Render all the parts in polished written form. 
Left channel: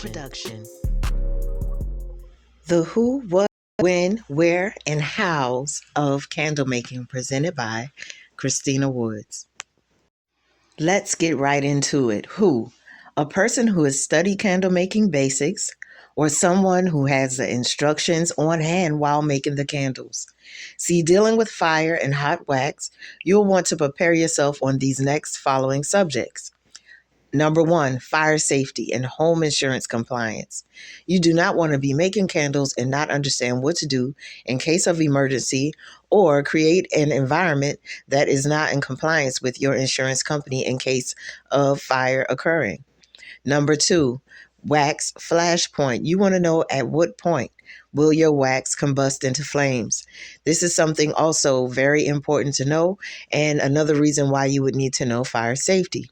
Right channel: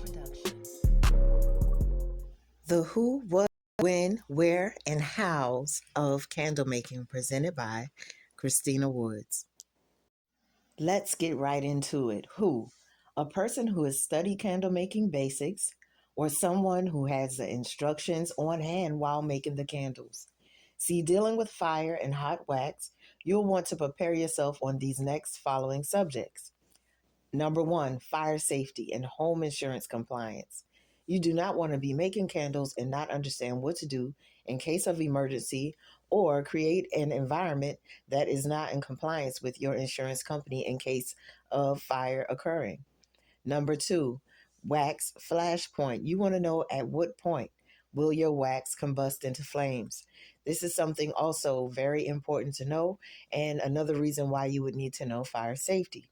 Production. The who, what, when, where, and hows of candle making, presented by Christina Woods. Let's get right into it. Who? A person who has studied candle making basics, or someone who has the instructions on hand while making the candles. See, dealing with fire and hot wax, you'll want to prepare yourself on these next following subjects. Number 1, fire safety and home insurance compliance. You do not want to be making candles and not understand what to do in case of emergency or create an environment that is not in compliance with your insurance company in case of fire occurring. Number 2, wax flash point. You want to know at what point will your wax combust into flames. This is something also very important to know, and another reason why you would need to know fire safety.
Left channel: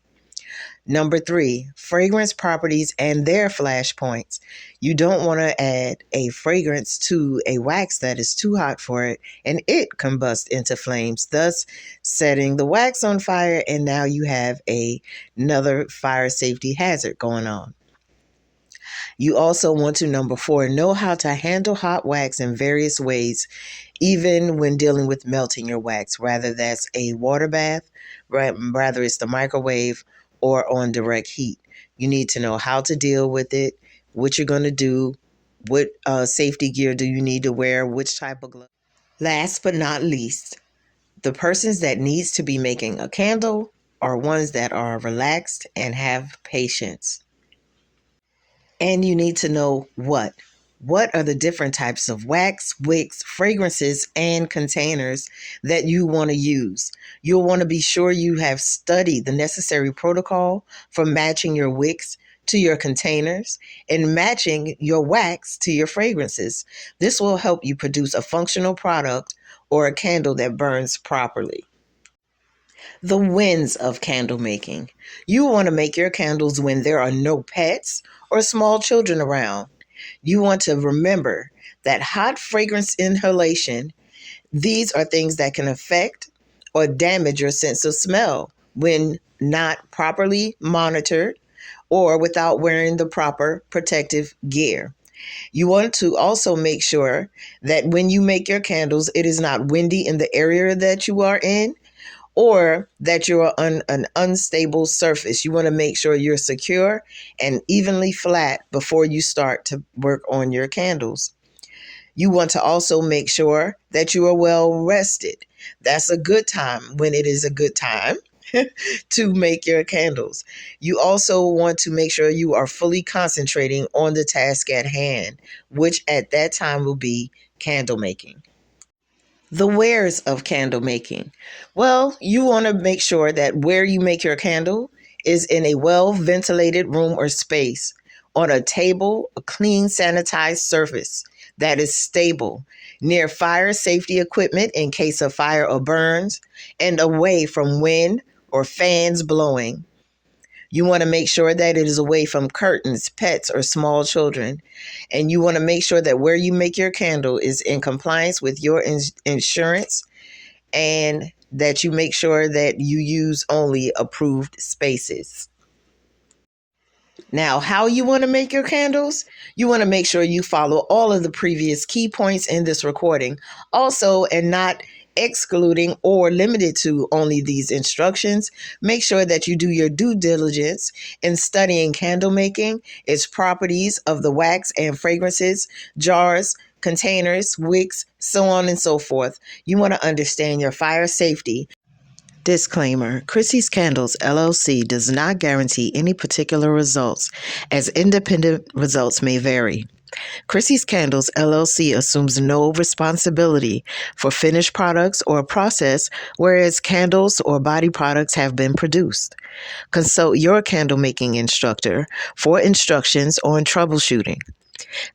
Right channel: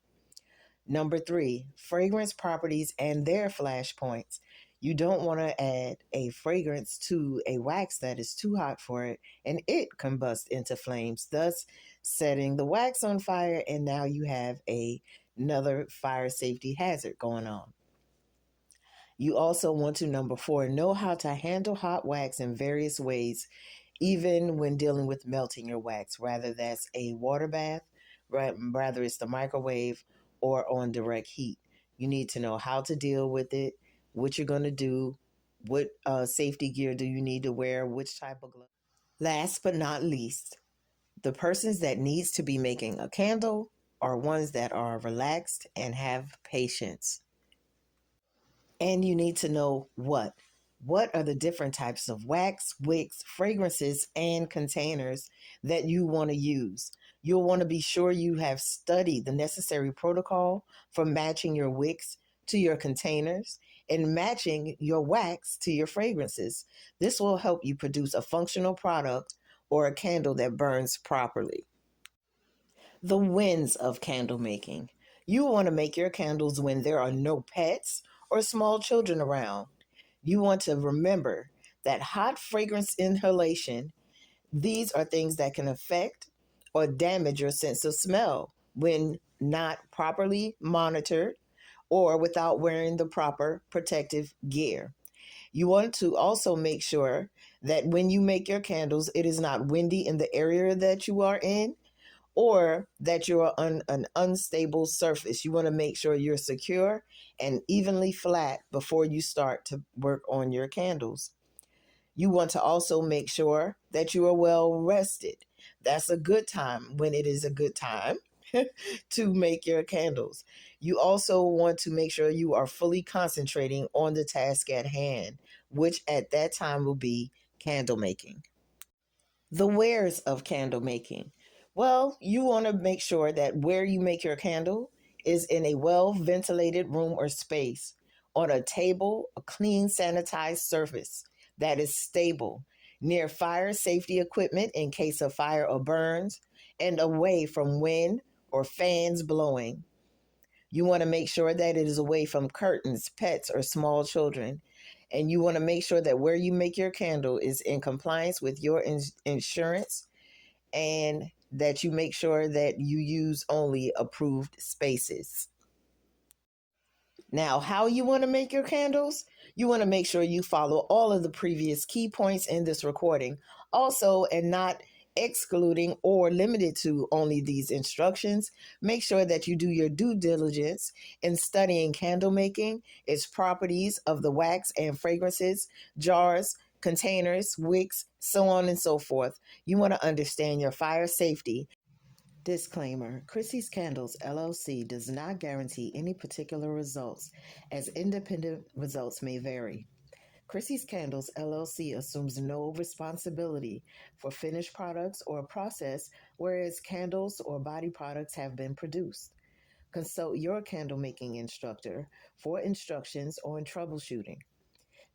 Number 3, fragrance properties and their flash points. You don't want to add a fragrance to a wax that is too hot for it and it combusts into flames, thus setting the wax on fire, and now you have another fire safety hazard going on. You also want to, number 4, know how to handle hot wax in various ways, even when dealing with melting your wax, whether that's a water bath, rather it's the microwave, or on direct heat. You need to know how to deal with it, what you're going to do, what safety gear do you need to wear, which type of glove. Last but not least, the persons that needs to be making a candle are ones that are relaxed and have patience. And you need to know what are the different types of wax, wicks, fragrances, and containers that you want to use. You'll want to be sure you have studied the necessary protocol for matching your wicks to your containers and matching your wax to your fragrances. This will help you produce a functional product or a candle that burns properly. The wins of candle making. You want to make your candles when there are no pets or small children around. You want to remember that hot fragrance inhalation, these are things that can affect or damage your sense of smell when not properly monitored or without wearing the proper protective gear. You want to also make sure that when you make your candles, it is not windy in the area that you are in, or that you're on an unstable surface. You want to make sure you're secure and evenly flat before you start to work on your candles. You want to also make sure that you are well rested. That's a good time when it is a good time to make your candles. You also want to make sure you are fully concentrating on the task at hand, which at that time will be candle making. The wares of candle making. Well, you want to make sure that where you make your candle is in a well-ventilated room or space, on a table, a clean, sanitized surface that is stable, near fire safety equipment in case of fire or burns, and away from wind or fans blowing. You want to make sure that it is away from curtains, pets, or small children. And you want to make sure that where you make your candle is in compliance with your insurance, and that you make sure that you use only approved spaces. Now, how you want to make your candles? You want to make sure you follow all of the previous key points in this recording. Also, and not excluding or limited to only these instructions, make sure that you do your due diligence in studying candle making, its properties of the wax and fragrances, jars, containers, wicks, so on and so forth. You want to understand your fire safety. Disclaimer: Chrissy's Candles, LLC does not guarantee any particular results, as independent results may vary. Chrissy's Candles, LLC assumes no responsibility for finished products or process, whereas candles or body products have been produced. Consult your candle making instructor for instructions on troubleshooting.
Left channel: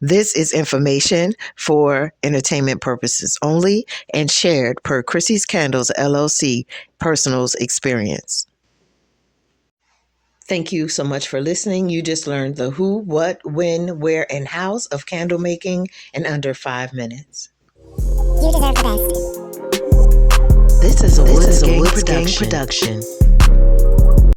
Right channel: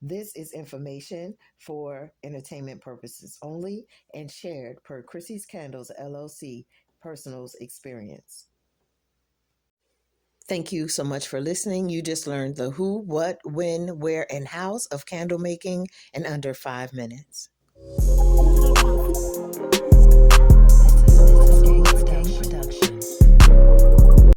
This is information for entertainment purposes only and shared per Chrissy's Candles, LLC personal experience. Thank you so much for listening. You just learned the who, what, when, where, and hows of candle making in under 5 minutes. You deserve the best. This is a Woods Gang production.